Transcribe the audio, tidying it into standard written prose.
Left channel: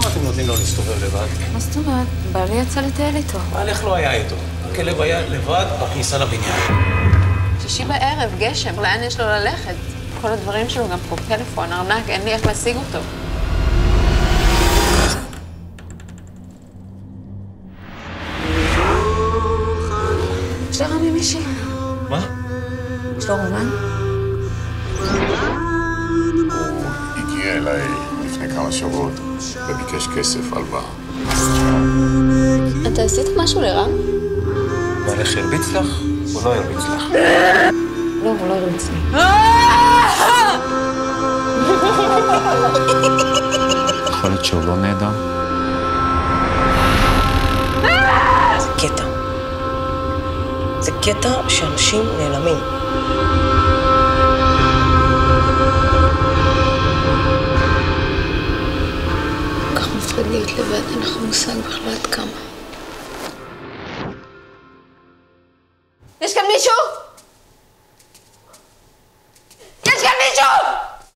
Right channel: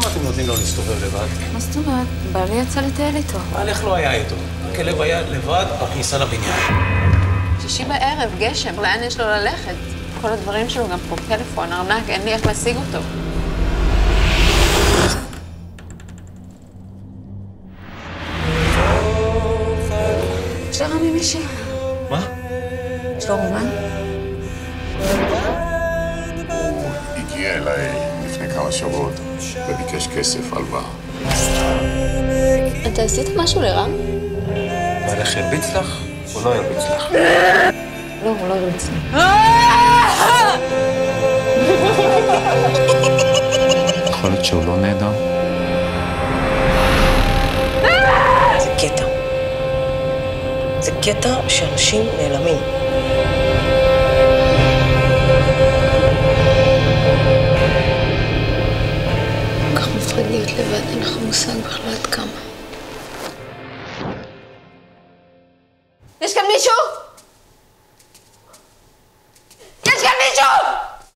למה אתם נותנים לו להסתובב לבד? מה זאת אומרת? בעלי יצא לטייל איתו. בעלך לא היה איתו. הכלב היה לבד בכניסה לבניין. שישי בערב, גשם, לאן יש לו ללכת? כל הדברים שלו, גם פה פלאפון, ארנק, אין לי איך להשיג אותו. יש לרמי מישהי. מה? יש לו רומן? הוא הגיע אליי לפני כמה שבועות וביקש כסף הלוואה. אתה עשית משהו לרם? בעלך הרביץ לך או לא הרביץ לך? לא, הוא לא הרביץ לי. יכול להיות שהוא לא נהדר? זה קטע. זה קטע שאנשים נעלמים. כל כך מפחיד להיות לבד, אין לך מושג בכלל עד כמה. יש כאן מישהו?